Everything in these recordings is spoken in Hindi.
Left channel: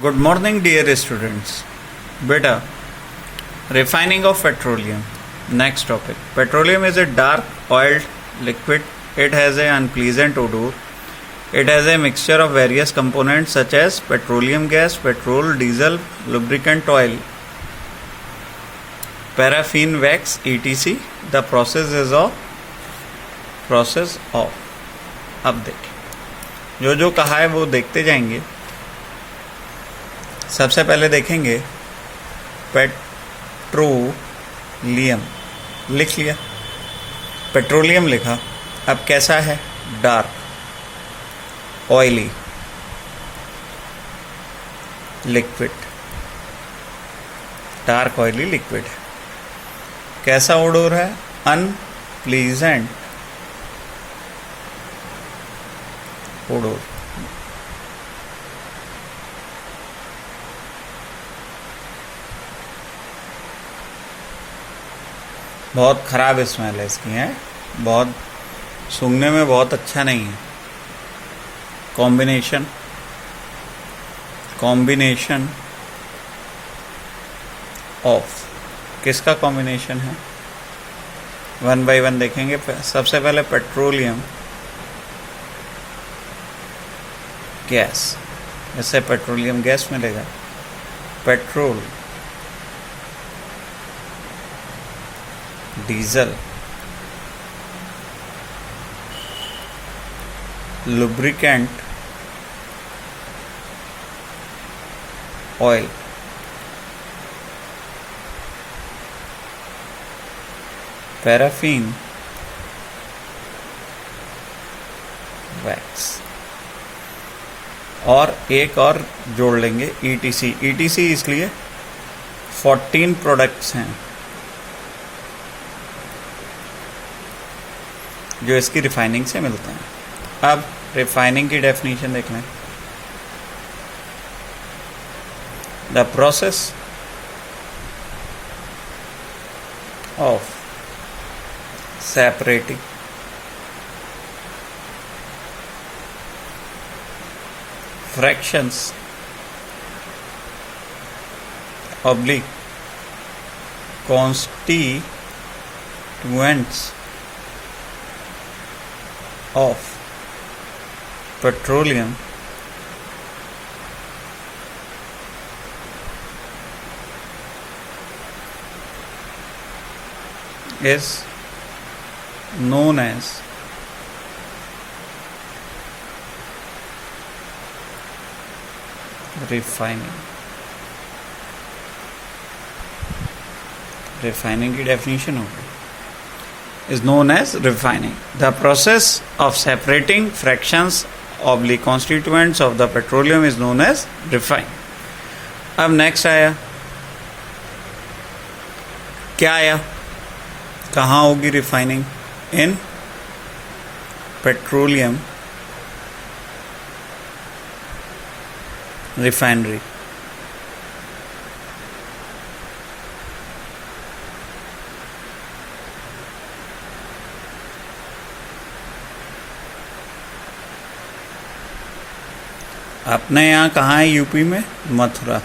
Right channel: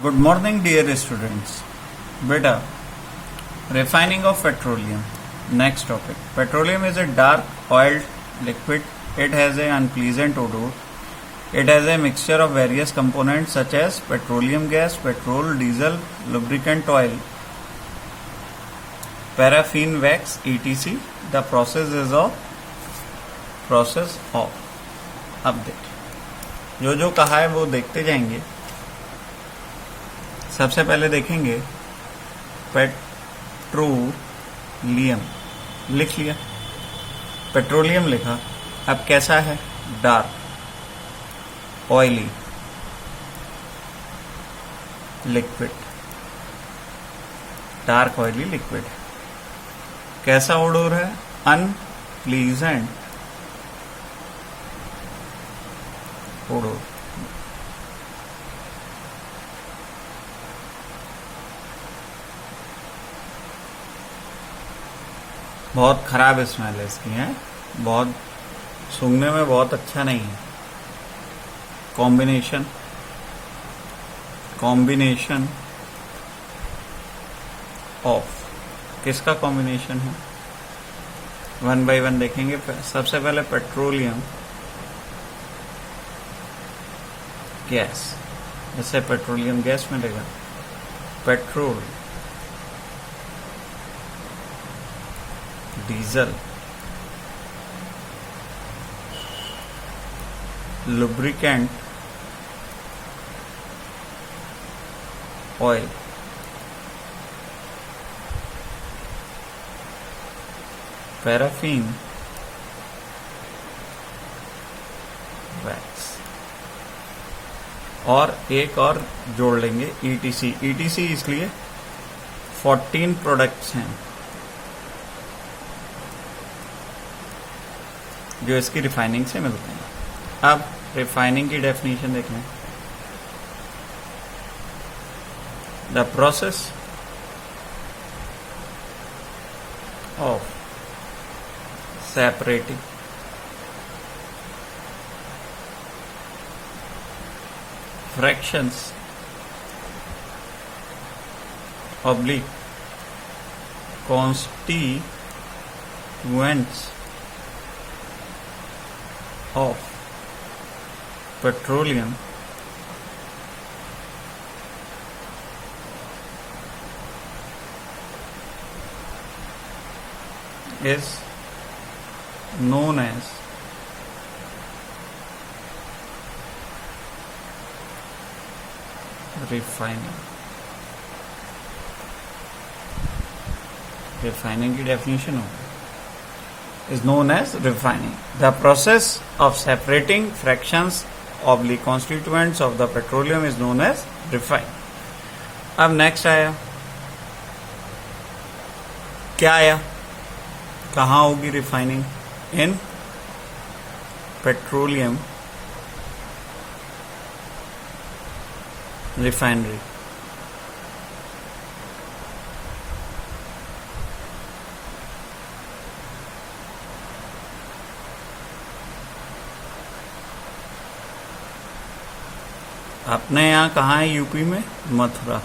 Good morning, dear students. Beta, refining of petroleum. Next topic. Petroleum is a dark oiled liquid. It has an unpleasant odor. It has a mixture of various components such as petroleum gas, petrol, diesel, lubricant oil, paraffin, wax, etc. The process of. अब देखिए जो कहा है वो देखते जाएंगे. सबसे पहले देखेंगे पेट्रोलियम. लिख लिया, पेट्रोलियम लिखा. अब कैसा है? Dark, oily, liquid. Dark oily liquid. कैसा ओडोर है? Unpleasant odour. बहुत खराब स्मेल है इसकी, है, बहुत सूंघने में बहुत अच्छा नहीं है. Combination of. किसका कॉम्बिनेशन है? वन बाय वन देखेंगे. सबसे पहले पेट्रोलियम गैस. इससे पेट्रोलियम गैस मिलेगा. Petrol, diesel, lubricant oil, paraffin, wax. और एक और जोड़ लेंगे ईटीसी. ईटीसी इसलिए 14 प्रोडक्ट्स हैं जो इसकी रिफाइनिंग से मिलते हैं. अब रिफाइनिंग की डेफिनेशन देख लें. The process of separating fractions oblique constituents of petroleum is known as refining की डेफिनेशन होगी. Is known as refining. The process of separating fractions oblique constituents of the petroleum is known as refine. अब नेक्स्ट आया, क्या आया? कहाँ होगी रिफाइनिंग? In petroleum refinery. अपने यहाँ कहाँ है? यूपी में मथुरा.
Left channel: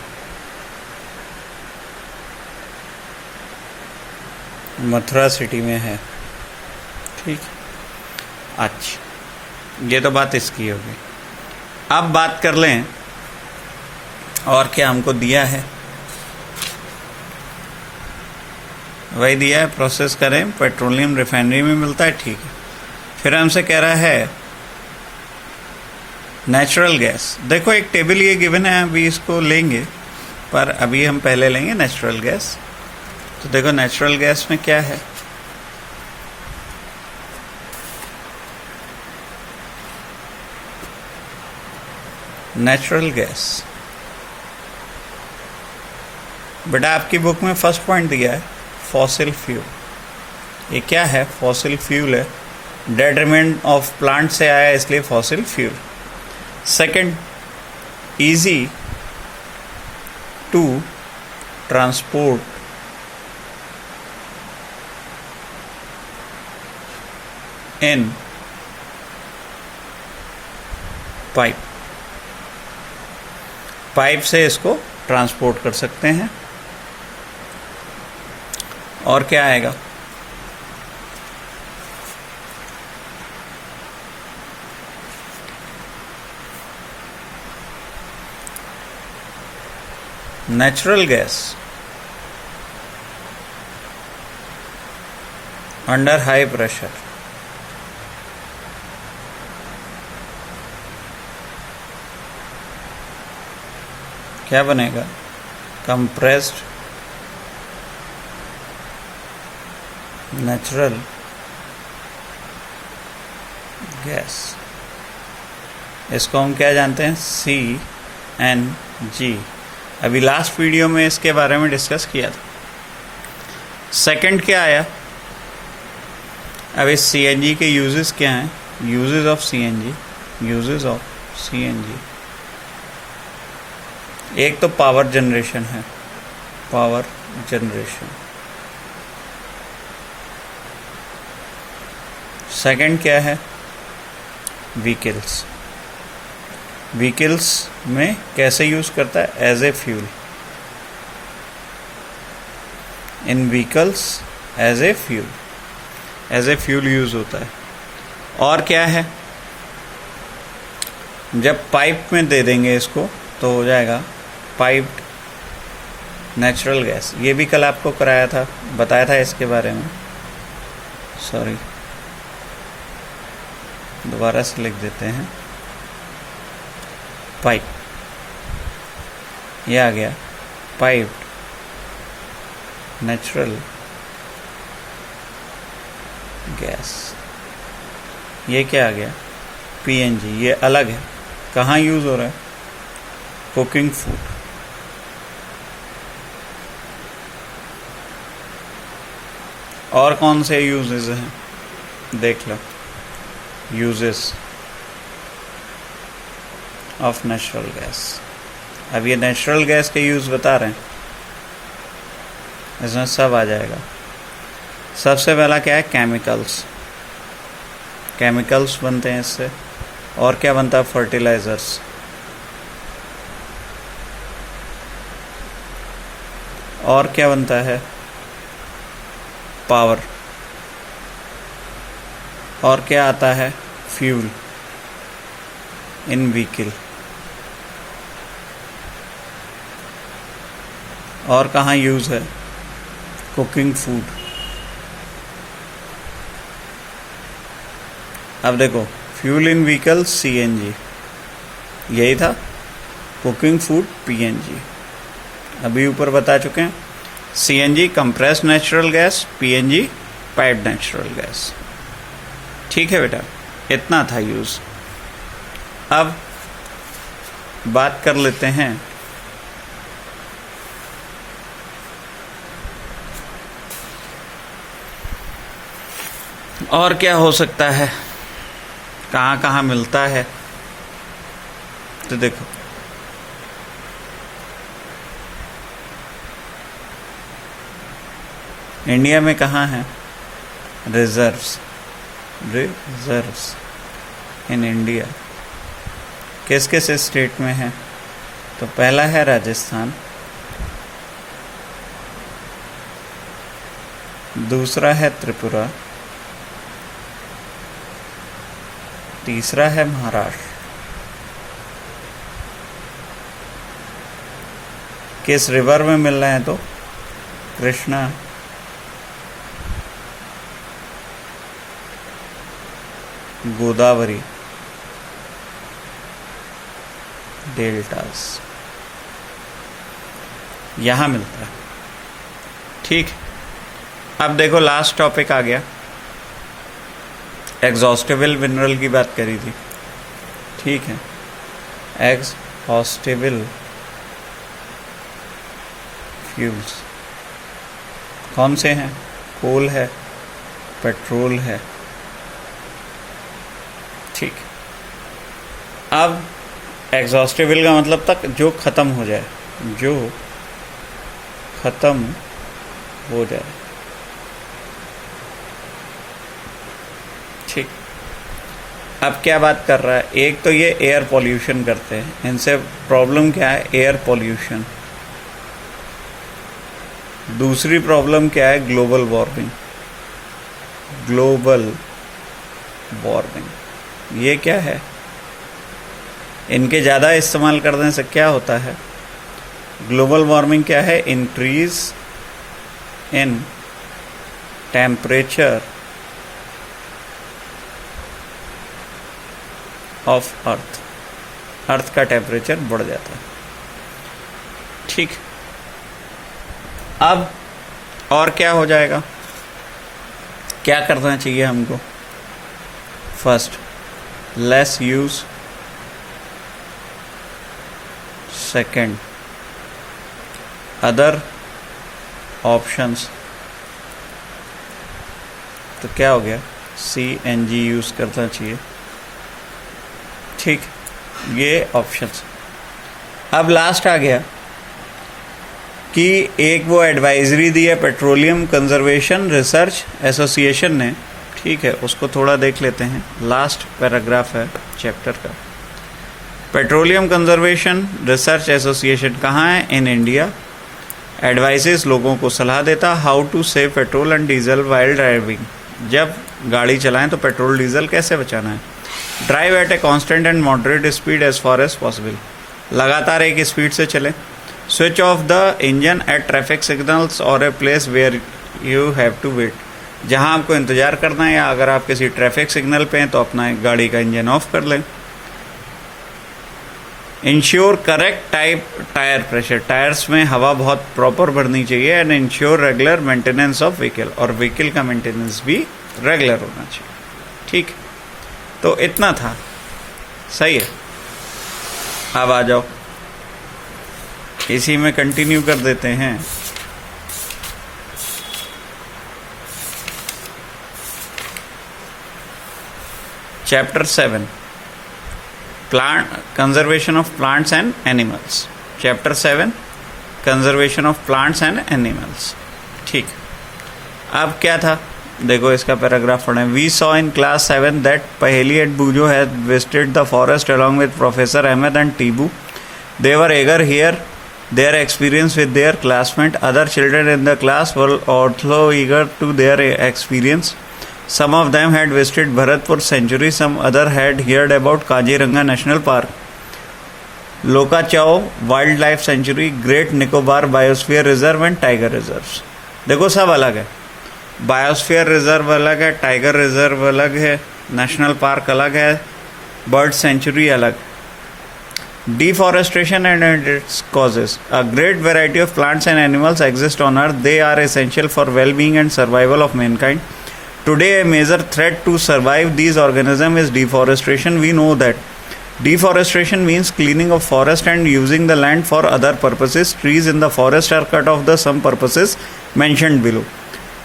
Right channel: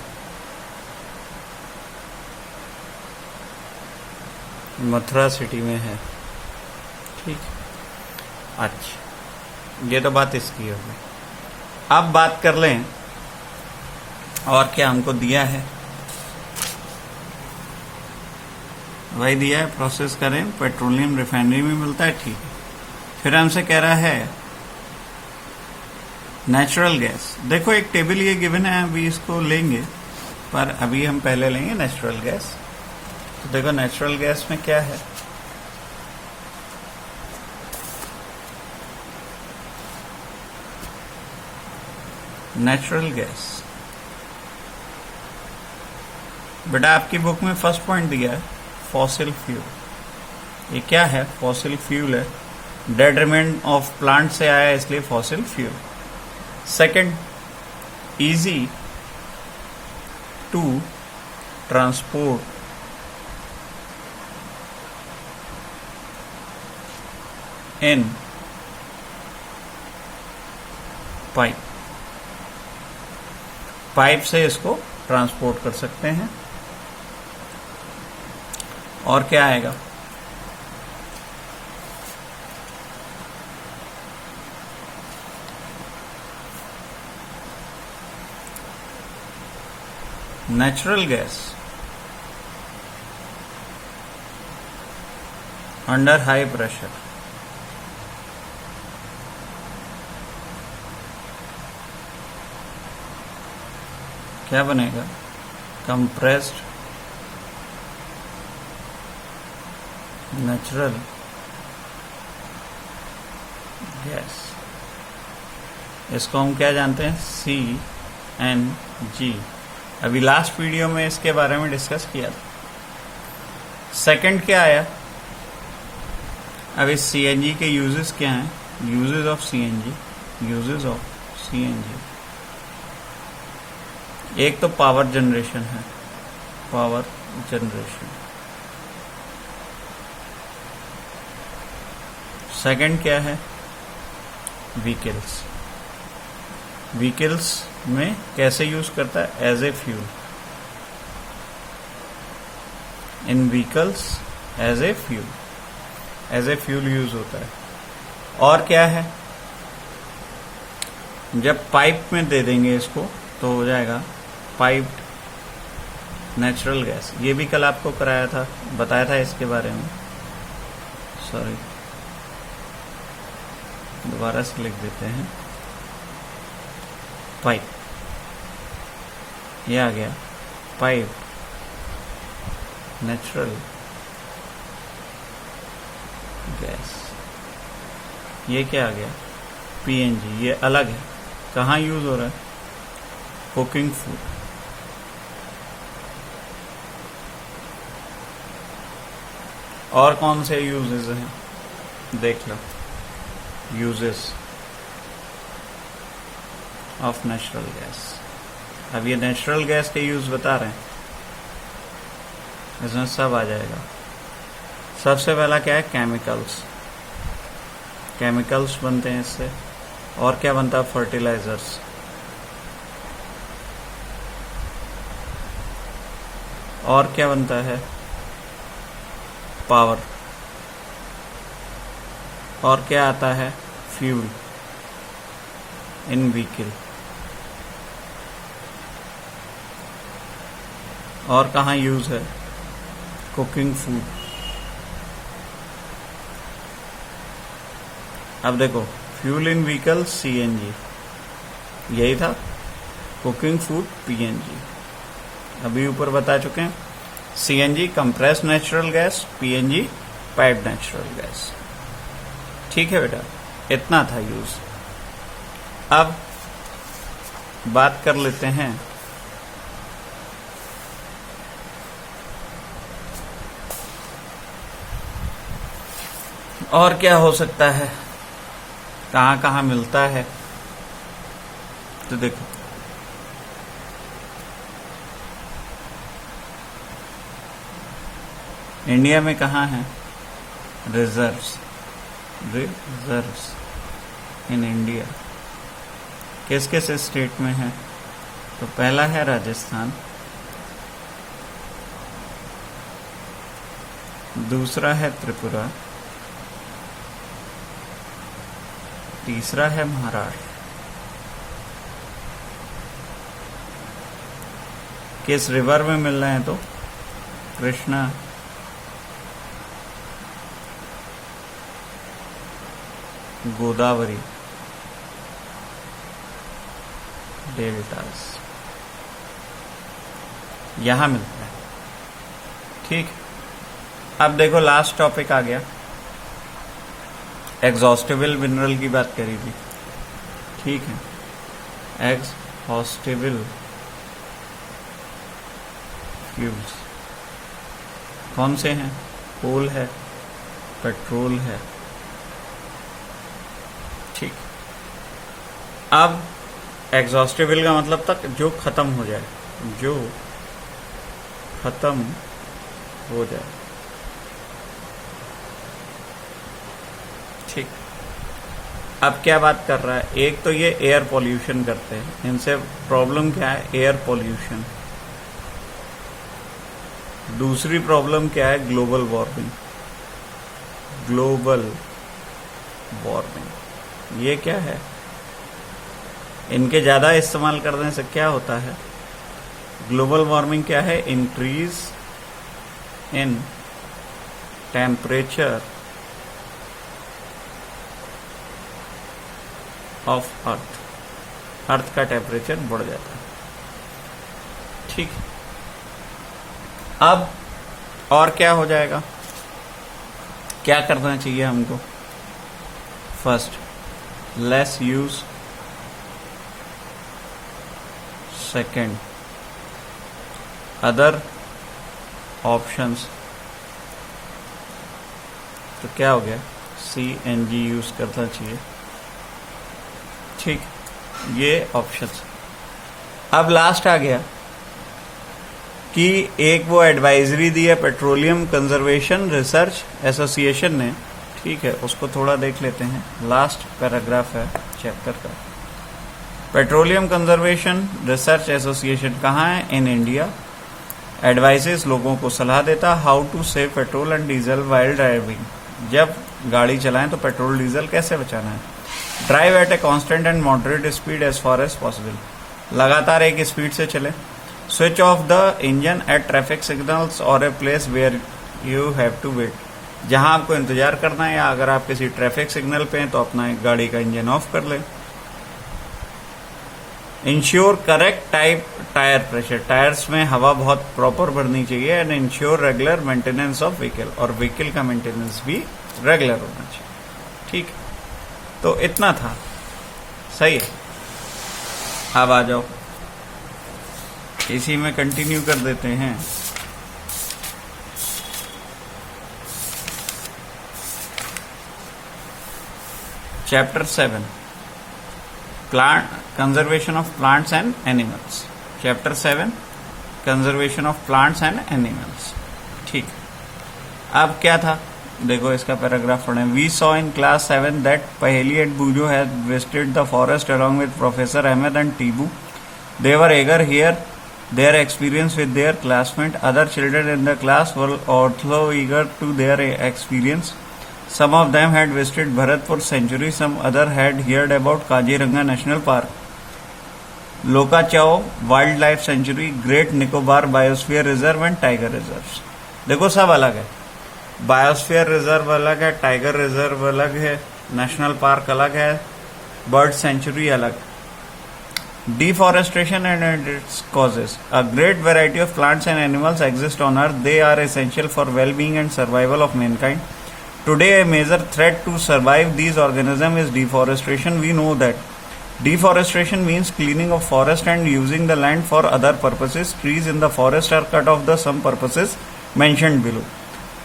मथुरा सिटी में है. ठीक. अच्छा, ये तो बात इसकी होगी. अब बात कर लें और क्या हमको दिया है. वही दिया है, प्रोसेस करें, पेट्रोलियम रिफाइनरी में मिलता है. ठीक है. फिर हमसे कह रहा है नेचुरल गैस. देखो एक टेबल ये गिवन है, अभी इसको लेंगे, पर अभी हम पहले लेंगे नेचुरल गैस. तो देखो नेचुरल गैस में क्या है? नेचुरल गैस, बेटा आपकी बुक में फर्स्ट पॉइंट दिया है फॉसिल फ्यूल. ये क्या है? फॉसिल फ्यूल है. डेड रिमेन ऑफ प्लांट से आया इसलिए fossil fuel. Second, easy to transport in pipe. Pipe से इसको ट्रांसपोर्ट कर सकते हैं। और क्या आएगा? Natural gas under high pressure, क्या बनेगा? Compressed natural gas. इसको हम क्या जानते हैं? CNG। अभी लास्ट वीडियो में इसके बारे में डिस्कस किया था। सेकंड क्या आया? अब इस CNG के यूजेस क्या हैं? यूजेस ऑफ CNG, एक तो पावर जनरेशन है, पावर जनरेशन। सेकंड क्या है? व्हीकल्स में कैसे यूज करता है? As a fuel. In vehicles as a fuel use होता है। और क्या है? जब पाइप में दे देंगे इसको तो हो जाएगा पाइप्ड नेचुरल गैस। ये भी कल आपको कराया था, बताया था इसके बारे में। सॉरी, दोबारा से लिख देते हैं। पाइप, ये आ गया पाइप्ड नेचुरल गैस। ये क्या आ गया? PNG। ये अलग है, कहाँ यूज हो रहा है? Cooking food. और कौन से यूजेस हैं? देख लो, यूजेस ऑफ नेचुरल गैस। अब ये नेचुरल गैस के यूज बता रहे हैं, इसमें सब आ जाएगा। सबसे पहला क्या है? केमिकल्स बनते हैं इससे। और क्या बनता है? फर्टिलाइजर्स। और क्या बनता है? पावर। और क्या आता है? Fuel in vehicle. और कहाँ यूज है? Cooking food. अब देखो, फ्यूल इन व्हीकल CNG, यही था। Cooking food PNG। अभी ऊपर बता चुके हैं। CNG compressed natural gas, PNG piped natural gas. ठीक है बेटा, इतना था यूज। अब बात कर लेते हैं और क्या हो सकता है, कहाँ कहाँ मिलता है। तो देखो, इंडिया में कहाँ है? रिजर्व्स इन इंडिया किस किस स्टेट में है? तो पहला है राजस्थान, दूसरा है त्रिपुरा, तीसरा है महाराष्ट्र। किस रिवर में मिल रहे हैं? तो कृष्णा, गोदावरी, डेल्टास, यहां मिलता है। ठीक, अब देखो लास्ट टॉपिक आ गया। एग्जॉस्टेबल मिनरल की बात करी थी, ठीक है। एग्जॉस्टेबल फ्यूल्स कौन से हैं? कोल है, पेट्रोल है, ठीक। अब एग्जॉस्टेबल का मतलब तक जो खत्म हो जाए, जो खत्म हो जाए, ठीक। अब क्या बात कर रहा है, एक तो ये एयर पॉल्यूशन करते हैं, इनसे प्रॉब्लम क्या है, एयर पॉल्यूशन। दूसरी प्रॉब्लम क्या है, ग्लोबल वार्मिंग। ग्लोबल वार्मिंग ये क्या है, इनके ज़्यादा इस्तेमाल करने से क्या होता है, ग्लोबल वार्मिंग क्या है, increase in temperature of earth, earth का टेम्परेचर बढ़ जाता है। ठीक, अब और क्या हो जाएगा, क्या करना चाहिए हमको, first less use, second other options, तो क्या हो गया, CNG यूज करना चाहिए। ठीक, ये ऑप्शंस। अब लास्ट आ गया कि एक वो एडवाइजरी दी है पेट्रोलियम कंजर्वेशन रिसर्च एसोसिएशन ने, ठीक है, उसको थोड़ा देख लेते हैं। लास्ट पैराग्राफ है चैप्टर का। पेट्रोलियम कंजर्वेशन रिसर्च एसोसिएशन कहाँ है, इन इंडिया। एडवाइसेस लोगों को सलाह देता how to save petrol and diesel while driving, जब गाड़ी चलाएं तो पेट्रोल डीजल कैसे बचाना है। Drive at a constant and moderate speed as far as possible, लगातार एक स्पीड से चले। Switch off the engine at traffic signals और a place where you have to wait, जहां आपको इंतजार करना है या अगर आप किसी ट्रैफिक सिग्नल पे हैं तो अपना गाड़ी का इंजन ऑफ कर लें। Ensure correct tyre pressure, tyres में हवा बहुत प्रॉपर भरनी चाहिए। And ensure regular maintenance of vehicle, और व्हीकल का मेंटेनेंस भी रेगुलर होना चाहिए। ठीक, तो इतना था, सही है। अब आ जाओ, इसी में कंटिन्यू कर देते हैं। Chapter 7, plant conservation of plants and animals. Chapter 7, conservation of plants and animals. ठीक, अब क्या था, देखो इसका पैराग्राफ पढ़ें। We saw in class 7 that Paheli and Boojho had visited the forest along with Professor Ahmed and Tibu. They were eager here their experience with their classmates. Other children in the class were also eager to their experience. Some of them had visited Bharatpur Sanctuary. Some other had heard about Kaziranga National Park, Lokachao Wildlife Sanctuary, Great Nicobar Biosphere Reserve and Tiger Reserves. देखो सब अलग है, बायोस्फीयर रिजर्व अलग है, टाइगर रिजर्व अलग है, नेशनल पार्क अलग है, बर्ड सेंचुरी अलग। Deforestation and its causes. A great variety of plants and animals exist on Earth. They are essential for well-being and survival of mankind. Today, a major threat to survive these organisms is deforestation. We know that deforestation means cleaning of forest and using the land for other purposes. Trees in the forest are cut off the some purposes mentioned below.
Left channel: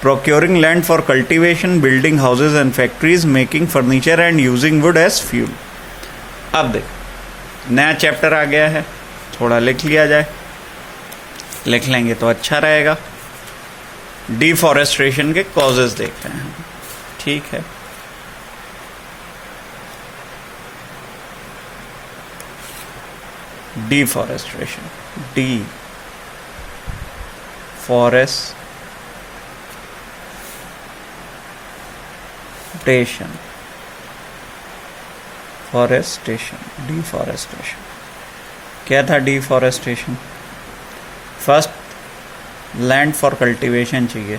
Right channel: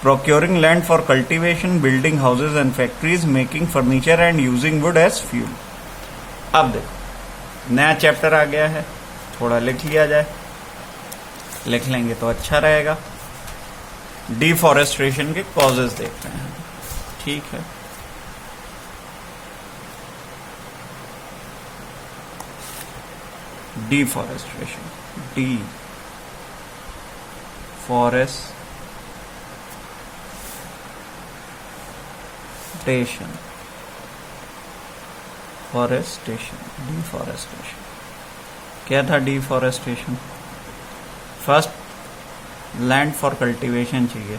Procuring land for cultivation, building houses and factories, making furniture and using wood as fuel. अब देखो, नया चैप्टर आ गया है, थोड़ा लिख लिया जाए, लिख लेंगे तो अच्छा रहेगा। डिफॉरेस्टेशन के कॉजेज देखते हैं, ठीक है। डिफॉरेस्टेशन, डिफॉरेस्टेशन क्या था। Deforestation, first land for cultivation चाहिए,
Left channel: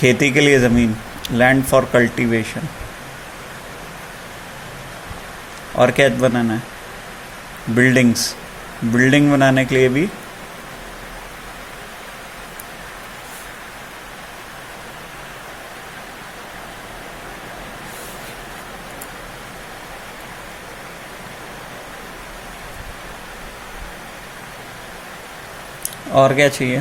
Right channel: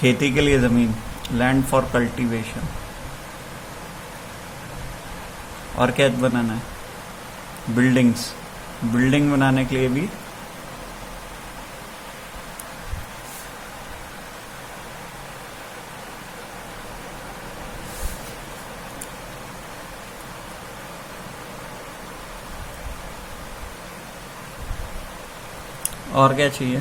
खेती के लिए ज़मीन, लैंड फॉर कल्टीवेशन। और क्या बनाना है, बिल्डिंग्स, बिल्डिंग बनाने के लिए भी और क्या चाहिए,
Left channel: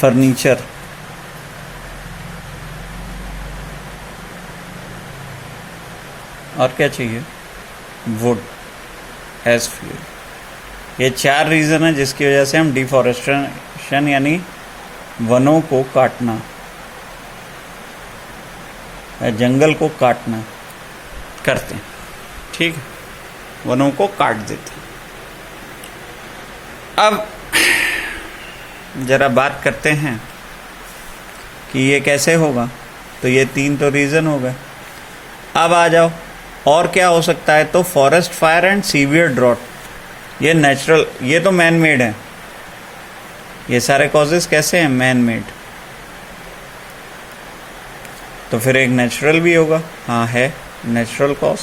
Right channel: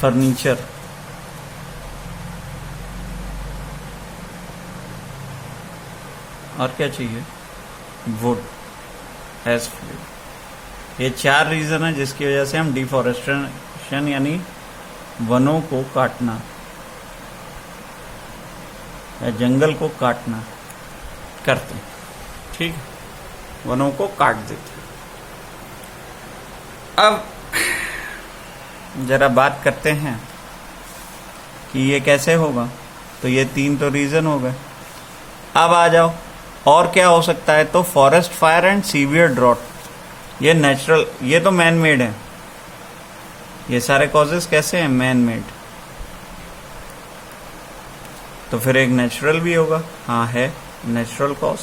फर्नीचर, और क्या चाहिए, वुड एज फ्यूल। ये 4 रीजन है जिसकी वजह से हम डिफॉरेस्टेशन यानी वनों को काटना या जंगल को काटना करते हैं, ठीक है, वनों को काट देते हैं। अब जरा बात करते हैं कि ये कैसे होगा। तो ये 3 तो रीजन हो गए। अब आ जाओ और क्या हो सकता है। तो forest fire and severe drought, ये नेचुरल, ये तो मैन मेड है। ये सारे कॉजेस कैसे हैं? Man made. तो फिर एक नेचुरल भी होगा। हाँ है, natural cause,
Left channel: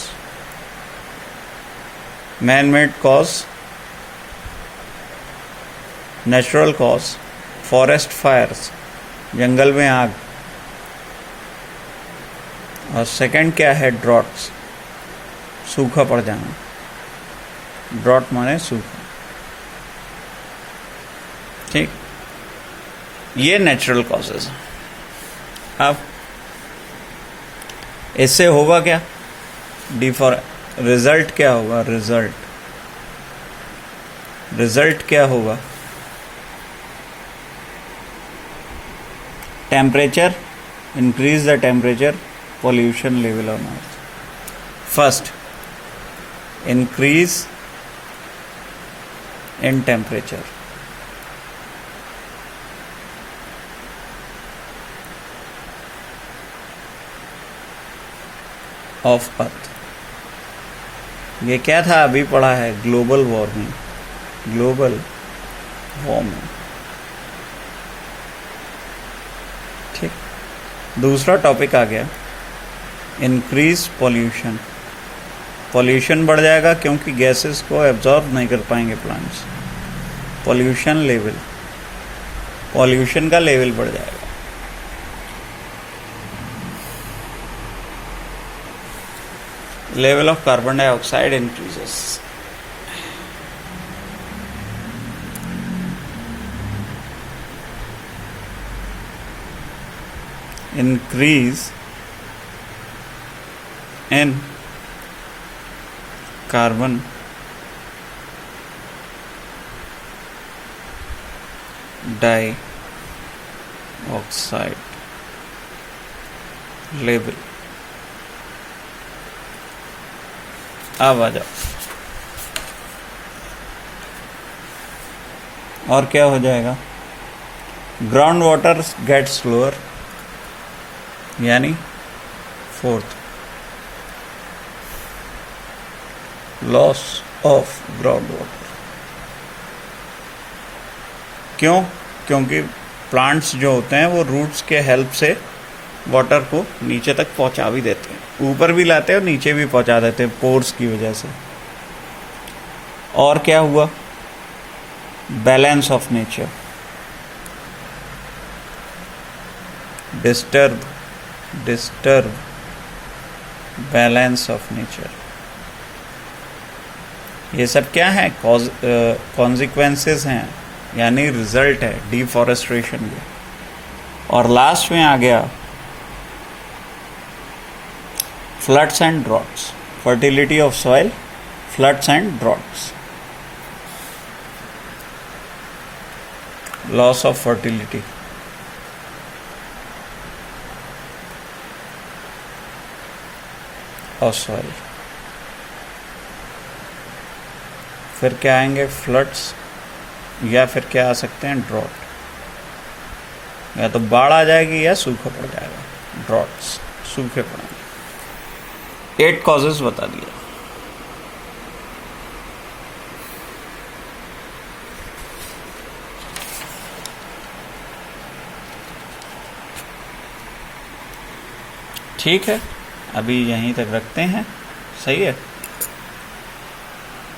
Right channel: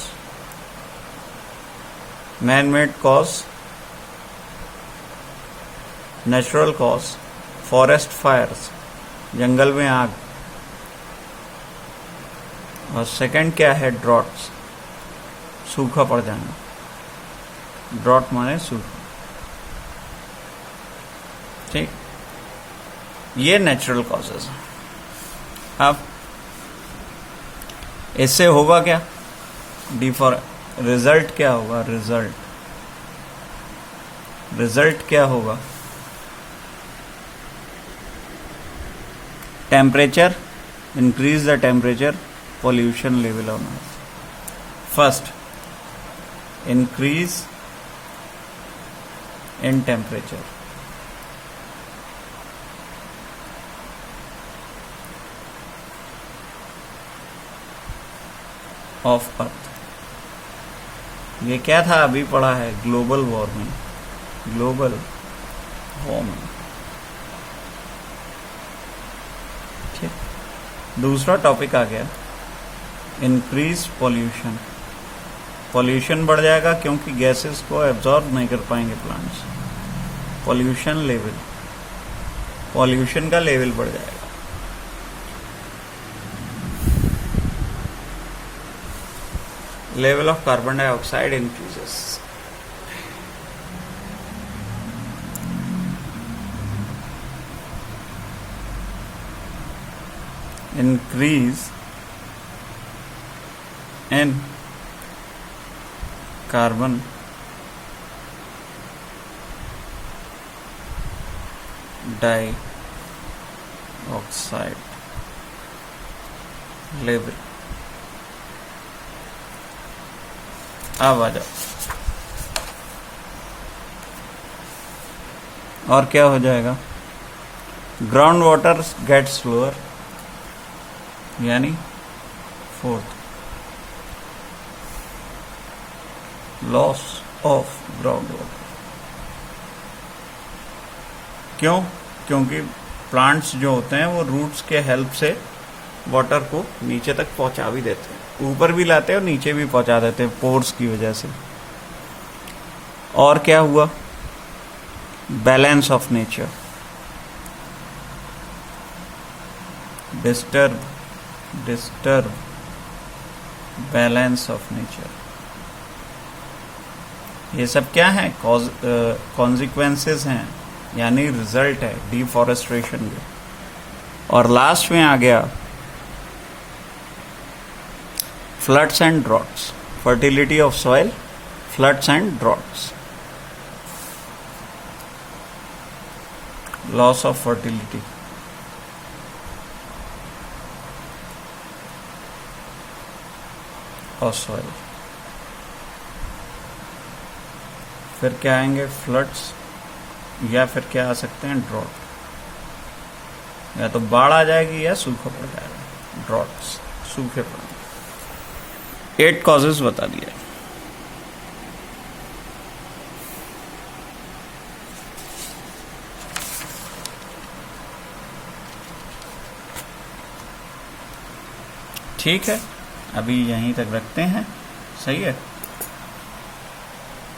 man made cause, natural cause, forest fires, जंगल में आग, और सेकंड क्या है? ड्रॉट्स, सूखा पड़ जाना। ड्रॉट माने सूखा, ठीक। ये नेचुरल कॉजेज हैं। अब इससे होगा क्या? रिजल्ट क्या होगा? रिजल्ट क्या होगा? Temperature, increase the temperature, pollution level on earth. First, increase in temperature. Of earth. ये क्या था? अभी पढ़ा है, ग्लोबल वार्मिंग। ठीक। दूसरा टॉपिक आ गया, इंक्रीज पॉल्यूशन। पॉल्यूशन बढ़ जाएगा क्योंकि गैसेस को एब्जॉर्ब नहीं कर पाएंगे प्लांट्स। पॉल्यूशन का लेवल बढ़ जाएगा। Level of carbon dioxide increases. Increase in carbon dioxide level। अब आ जाओ, और क्या हो जाएगा? ग्राउंड वाटर गेट्स लोअर, यानी fourth, loss of ground water. क्यों? क्योंकि प्लांट्स जो होते हैं वो रूट्स के हेल्प से वाटर को नीचे तक पहुंचा भी देते हैं, ऊपर भी लाते हैं और नीचे भी पहुंचा देते हैं पोर्स की वजह से। और क्या हुआ? Balance of nature, disturb balance of nature. ये सब क्या है? कॉन्सिक्वेंसेस हैं, यानी रिजल्ट है डिफॉरेस्टेशन के। और लास्ट में आ गया floods and droughts, fertility of soil, floods and droughts, loss of fertility. Of soil. फिर क्या आएंगे? फ्लड्स, या फिर क्या आ सकते हैं? ड्रॉट। या तो बाढ़ आ जाएगी या सूखा पड़ जाएगा। ड्रॉट्स, सूखे पड़ेंगे। 8 कॉजेस बता दिया। ठीक है, अभी यहीं तक रखते हैं। सही है।